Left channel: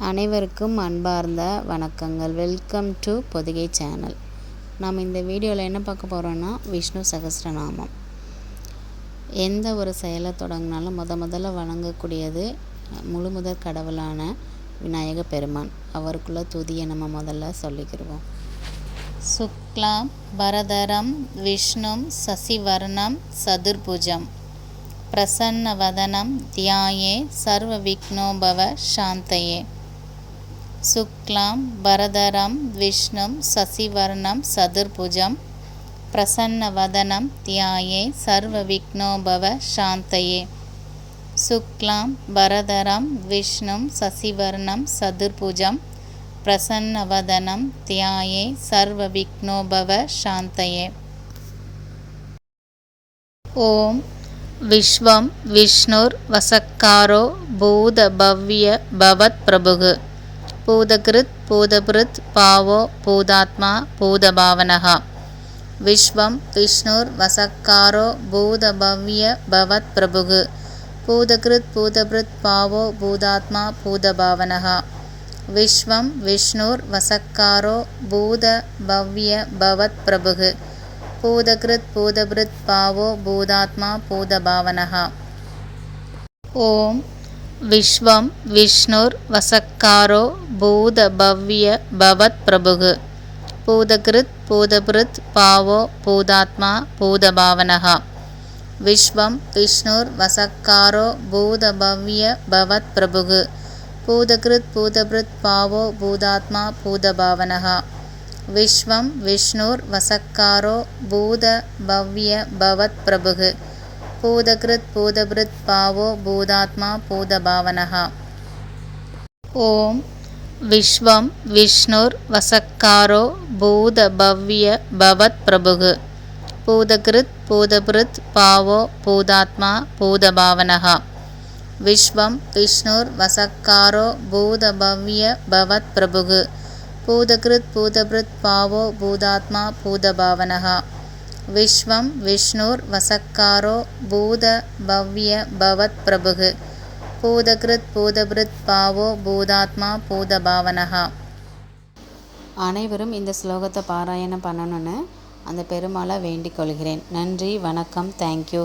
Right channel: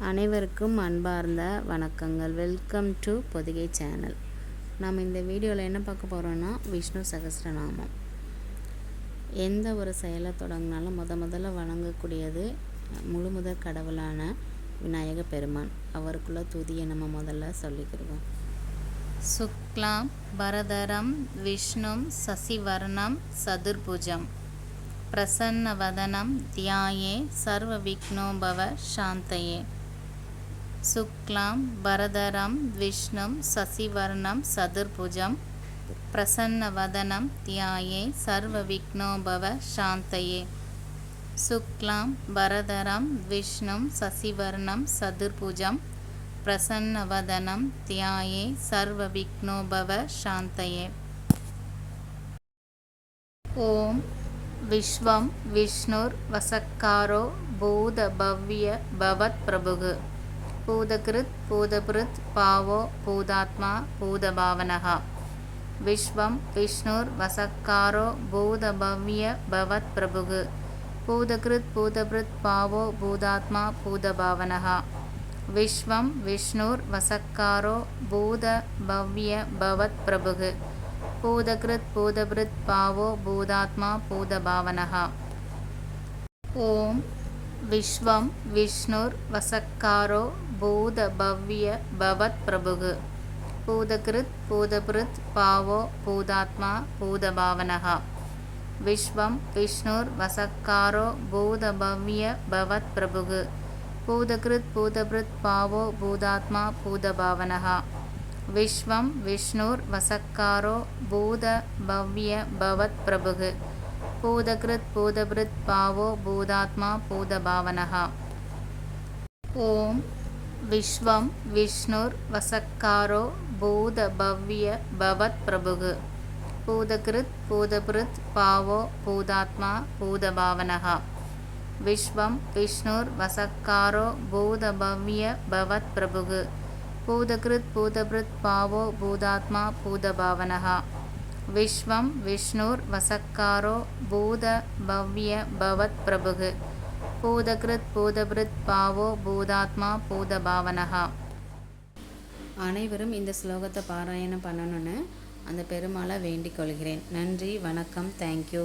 அனைவருக்கும் அன்பார்ந்த வணக்கங்கள். Welcome to Pothigai channel. நாம் இந்த வீடியோவில் என்ன பார்க்க போகிறோன்னா, விஷ்ணு சகஸ்ரநாமம். எந்த ஒரு செயலை தொடங்கினாலும் முதல்ல வணங்கக்கூடியது முழுமுதற் கடவுளான விநாயக பெருமான். அவருக்குள்ள துதியை நம்ம முதல்ல சொல்லிக்கிடுவோம். சுக்லாம் பரதரம் விஷ்ணும் சசிவர்ணம் சதுர்புஜம் பிரசன்னவதனம் தியாயே சர்வ விக்னோபவ சாந்தயே. சுக்லாம் பரதரம் விஷ்ணும் சசிவர்ணம் சதுர்புஜம் பிரசன்னவதனம் தியாயே சர்வ விக்னோபவ சாந்தயே. சுக்லாம் பரதரம் விஷ்ணும் சசிவர்ணம் சதுர்புஜம் பிரசன்னவதனம் தியாயே சர்வ விக்னோபவ சாந்தயே. ஓம் விஸ்வம் விஷ்ணுர் வசக்காரோ பூத பவ்ய பவத் பிரபுகு பூதகிருத் பூதபிருத் பாவோ பூதாத்மா பூதபாவனஹ. விஸ்வம் விஷ்ணுர் வசக்காரோ பூத பவ்ய பவத் பிரபுகு பூதகிருத் பூதபிருத் பாவோ பூதாத்மா பூதபாவனஹ. விஸ்வம் விஷ்ணுர் வசக்காரோ பூத பவ்ய பவத் பிரபுகு பூதகிருத் பூதபிருத் பாவோ பூதாத்மா பூதபாவனஹ. ஓம் விஸ்வம் விஷ்ணுர் வசக்காரோ பூத பவ்ய பவத் பிரபுகு பூதகிருத் பூதபிருத் பாவோ பூதாத்மா பூதபாவனஹ. விஸ்வம் விஷ்ணுர் வசக்காரோ பூத பவ்ய பவத் பிரபுகு பூதகிருத் பூதபிருத் பாவோ பூதாத்மா பூதபாவனஹ. விஸ்வம் விஷ்ணுர் வசக்காரோ பூத பவ்ய பவத் பிரபுகு பூதகிருத் பூதபிருத் பாவோ பூதாத்மா பூதபாவனஹ. ஓம் விஸ்வம் விஷ்ணுர் வசக்காரோ பூத பவ்ய பவத் பிரபுகு பூதகிருத் பூதபிருத் பாவோ பூதாத்மா பூதபாவனஹ. விஸ்வம் விஷ்ணுர் வசக்காரோ பூத பவ்ய பவத் பிரபுகு பூதகிருத் பூதபிருத் பாவோ பூதாத்மா பூதபாவனஹ. விஸ்வம் விஷ்ணுர் வசக்காரோ பூத பவ்ய பவத் பிரபுகு பூதகிருத் பூதபிருத் பாவோ பூதாத்மா பூதபாவனஹ. அனைவரும் இந்த ஸ்லோகத்தை பாராயணம் பண்ணணும்னு அந்த பெருமாளை வேண்டிக் கொள்கிறேன். நன்றி, வணக்கம், தேங்க்யூ.